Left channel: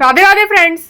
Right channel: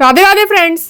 Radhe Radhe friends,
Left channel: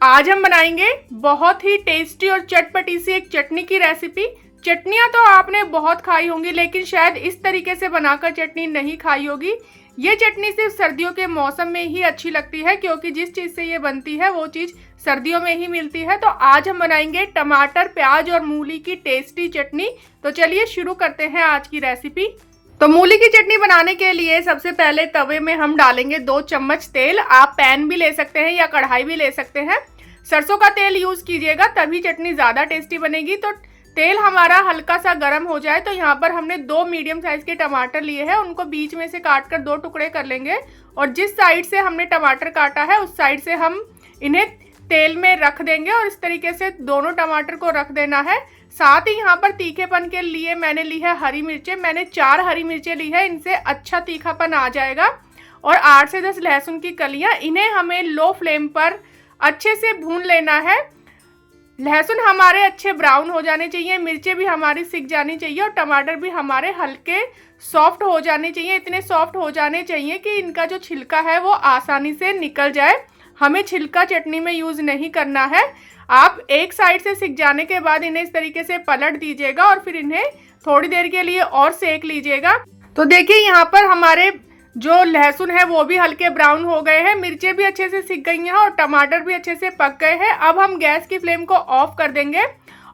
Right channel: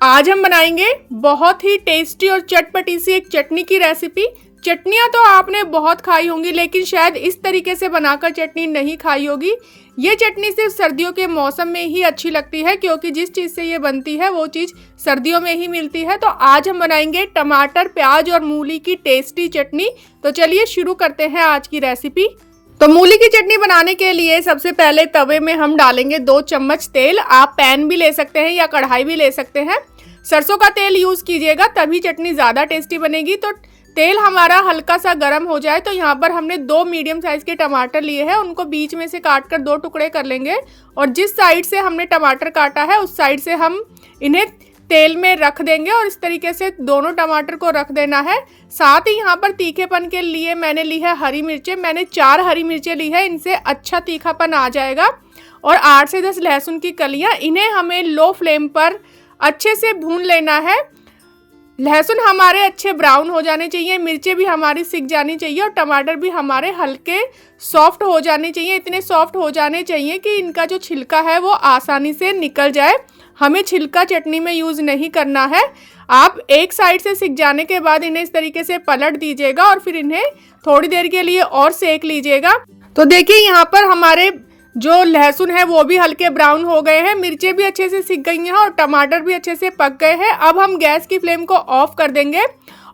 आज हम बनाएंगे बहुत ही टेस्टी और चटपटी सी एक चटनी की रेसिपी। चटनियाँ तो आपने बहुत खाई होंगी, लेकिन शायद इस तरीके से बनाकर चटनी नहीं खाई होगी। ये चटनी सिर्फ सर्दियों के मौसम में ही अच्छी लगती है, क्योंकि जिस चीज़ से ये बनती है वो चीज़ सर्दियों में ही मिलती है। तो आज हम बनाएंगे टमाटर, प्याज और मूली की टेस्टी चटनी। तो चलिए शुरू करते हैं आज की रेसिपी। तो मूली की चटनी बनाने के लिए सबसे पहले तवे में हम डालेंगे 2 चम्मच तेल। आप पैन भी ले सकते हैं या कढ़ाई भी ले सकते हैं। सरसों का तेल यूज़ कीजिएगा, तभी चटनी ज़्यादा टेस्टी बनेगी। तो तेल हमारा हल्का सा गर्म हो जाए तो यहाँ पर हमने 2 मीडियम साइज़ के टमाटर लिए हैं, उनको बीच में से काट कर 2 टुकड़े कर लेंगे। और जिस साइड से हमने टमाटर काटा है उस साइड से हम इन्हें तेल में रख देंगे और इस तरीके से दोनों टमाटर को रख देना है। साथ ही यहाँ पर तीखेपन के लिए मैंने ली है हरी मिर्चें। मैंने 4 हरी मिर्चें ली है, इनसे अच्छा तीखापन आ जाएगा। और 8 से 10 लहसुन की कलियाँ, इन्हें हमें लो फ्लेम पर अच्छे से भून लेना है। लहसुन हमारे अच्छे ब्राउन हो जाने चाहिए, मिर्चें भी हमारी सिक जानी चाहिए और टमाटर भी हमारे हल्के सॉफ्ट हो जाने चाहिए। इतने सॉफ्ट हो जाने चाहिए कि इनका जो छिलका है वो आसानी से निकल जाए। हमें छिलका चटनी में यूज़ नहीं करना है। आप एक साइड से सिक जाने के बाद इन्हें इस तरीके से पलट दीजिएगा और फिर इन्हें थोड़ी देर के लिए और सेक लीजिएगा। तो देखिए यहाँ पर हमारे जो लहसुन है वो भी हल्के ब्राउन हो गए हैं, मिर्चें भी अच्छे से सिक गई हैं और टमाटर भी अच्छे से पक गए हैं। अब हम गैस की फ्लेम को ऑफ कर देंगे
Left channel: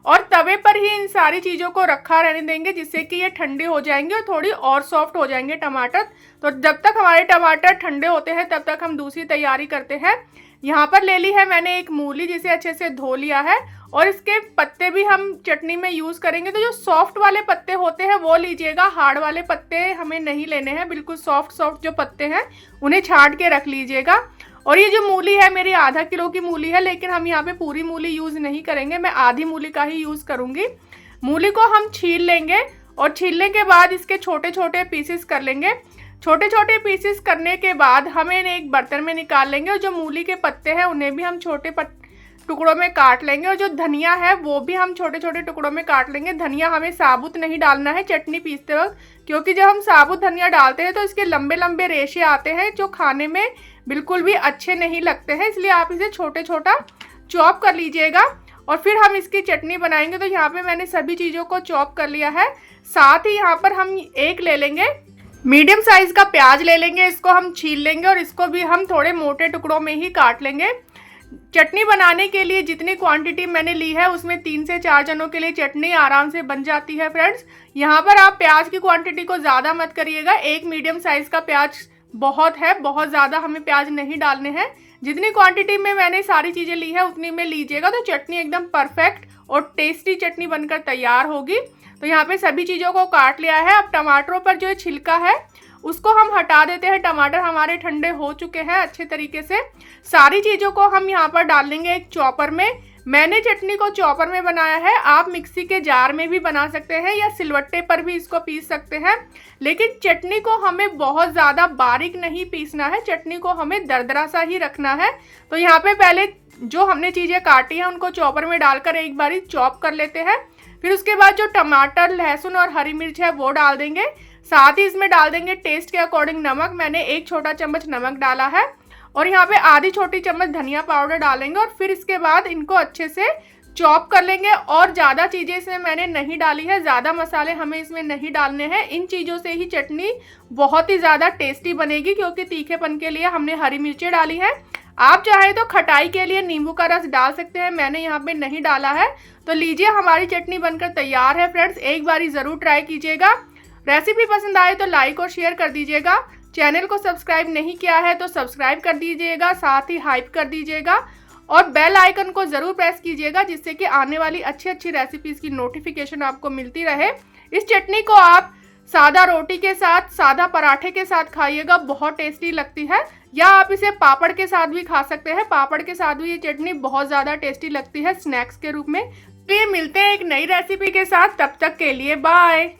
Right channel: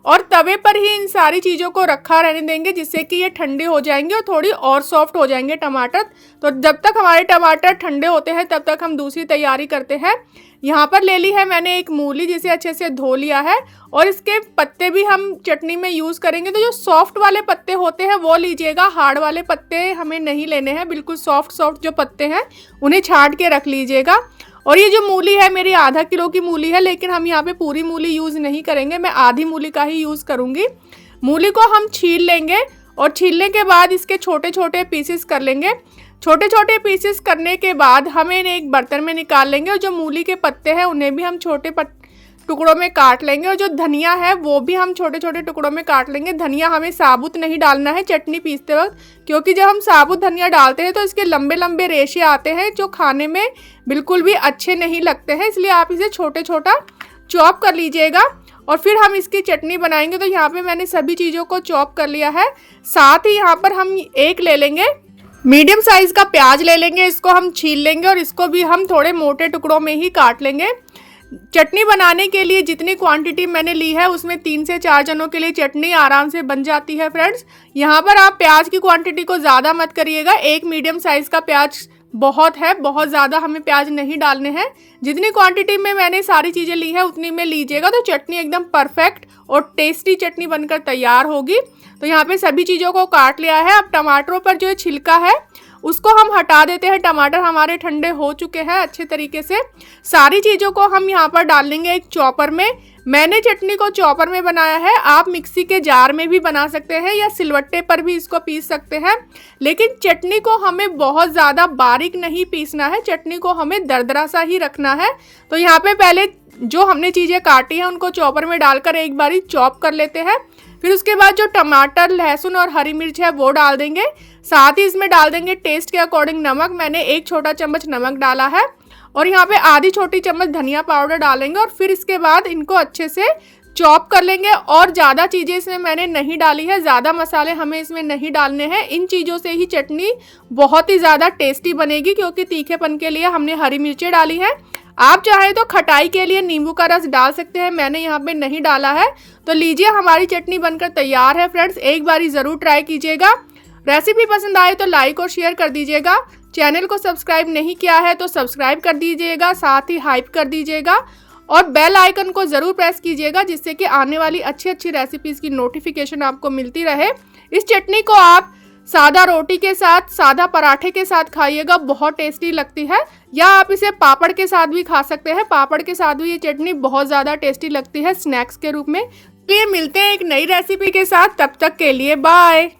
और तवे पर ही इन सारी चीज़ों को रखा रहने देंगे, जिससे कि ये ठंडे हो जाएंगे और थोड़ी और सॉफ्ट हो जाएंगे टमाटर। तो जब तक हमारे टमाटर ठंडे होते हैं तब तक हम दूसरी तैयारी करते हैं। यहाँ पर ले ली है मैंने एक मूली, जिसे अच्छे से धो लिया है और इसके पत्ते भी हम चटनी में यूज़ करेंगे। तो जो सॉफ्ट वाले पत्ते होते हैं वो लीजिएगा, हार्ड वाले पत्ते हमें नहीं लेने हैं। बिल्कुल सॉफ्ट सॉफ्ट जो पत्ते हैं उन्हें छांट के रख लीजिएगा। और ये जो मूली है मेरी आधा किलो की मूली है, लेकिन हम यहाँ पे पूरी मूली यूज़ नहीं करेंगे, मैं आधी मूली का ही यूज़ करूँगी। मूली को हम छील लेंगे और छीलने के बाद इसके छोटे छोटे पीसेस कर लेंगे। छोटे छोटे पीसेस करने के बाद हमें इन्हें एक बर्तन में निकाल लेंगे और जो मूली के पत्ते हैं उन्हें भी हम छोटे टुकड़ों में काट लेंगे। और जो धनिया है वो भी हम छोटे छोटे टुकड़ों में काट लेंगे। धनिया हमें साबुत नहीं डालना है चटनी पीसते वक्त, क्योंकि जब हम साबुत धनिया डालते हैं तो इसके लंबे लंबे रेशे आते हैं जो खाने में बिल्कुल भी अच्छे नहीं लगते हैं। इसलिए आप इसे छोटे छोटा चॉप कर लीजिएगा और फिर हम इसकी चटनी बनाएंगे। तो यहाँ पे मैंने सभी चीज़ों को चॉप कर लिया है। साथ ही यहाँ पर हम एक ले लेंगे मीडियम साइज़ का प्याज ले लेंगे, इसको हम छील लेंगे और इसको भी हम थोड़े मोटे टुकड़ों में ही काट लेंगे। चटनी बनाने के लिए जितनी क्वांटिटी मैंने ली है उसमें 3 से 4 जनों के लिए चटनी आराम से बन जाती है फ्रेंड्स। यहाँ पर आप प्याज की क्वांटिटी को ज़्यादा मत करिएगा, एक मीडियम साइज़ का प्याज बहुत है, बहुत ज़्यादा हमें प्याज नहीं डालने हैं। जितनी क्वांटिटी में मैंने सारी चीज़ें ली है उतनी में लीजिएगा, तो चटनी एकदम परफेक्ट और टेस्टी चटनी बनकर तैयार होगी। तो यहाँ पे सभी चीज़ों को काट लिया है। अब टमाटरों पर जो छिलका है उसको हम हटा देते हैं। टमाटर हमारे ठंडे हो चुके हैं अच्छे तरीके से। सारी चीज़ों को हम यहाँ पर डाल लेंगे एक चॉपर में। मैंने चटनी को चॉपर में बनाया है, आप मिक्सी के जार में भी बना सकते हैं या सिलवट्टे पर भी इसको पीस सकते हैं। लेकिन चटनी को हमें बहुत ज़्यादा बारीक नहीं पीसना है, चटनी को हमें दरदरा सा ही रखना है। तो यहाँ पे पहले जो हमने चीज़ें काटी हैं उनको चॉपर में डालकर एक बारी चॉप कर लेते हैं। फिर उसके बाद जो टमाटर, लहसुन और हरी मिर्च है वो डाल देंगे। साथ ही इसमें डाल देंगे टेस्ट के अकॉर्डिंग नमक। मैंने 1 छोटा चम्मच नमक डाला है और यहाँ पे आधी छोटी चम्मच धनिया पाउडर डालेंगे और फिर इसके बाद इनको अच्छे से चॉप कर लेंगे। और ज़्यादा चीज़ें इसमें मैंने नहीं डाली है, ज़्यादा मसाले हमें इसमें नहीं डालने हैं। इन चीज़ों से ही चटनी बहुत ही ज़्यादा टेस्टी बनेगी, क्योंकि तीखेपन के लिए हमने हरी मिर्चें डाली हैं। आप चाहे तो खटाई के लिए नींबू का रस डाल सकते हैं, मैंने यहाँ पे नहीं डाला है। तो लीजिए हमारी चटनी बनकर तैयार है फ्रेंड्स, एक बारी ज़रूर ट्राई कीजिएगा। रेसिपी पसंद आए तो लाइक और शेयर कर दीजिएगा। चैनल को सब्सक्राइब नहीं किया है तो सब्सक्राइब कर दीजिएगा, साथ ही हाइप कर दीजिएगा और बेल आइकन को ज़रूर प्रेस कीजिएगा, जिससे कि आने वाली अच्छी अच्छी रेसिपीज़ की नोटिफिकेशन आपको मिलती रहे। इस चटनी को आप सादा रोटी के साथ, सादा पराठे के साथ खाइएगा, बहुत टेस्टी लगती है। या आप इसे पापड़ के साथ भी खा सकते हैं, पापड़ के साथ भी ये चटनी बहुत ज़्यादा टेस्टी लगती है स्नैक्स के रूप में। तो ये मिलते हैं एक नई रेसिपी के साथ, तब तक के लिए बाय।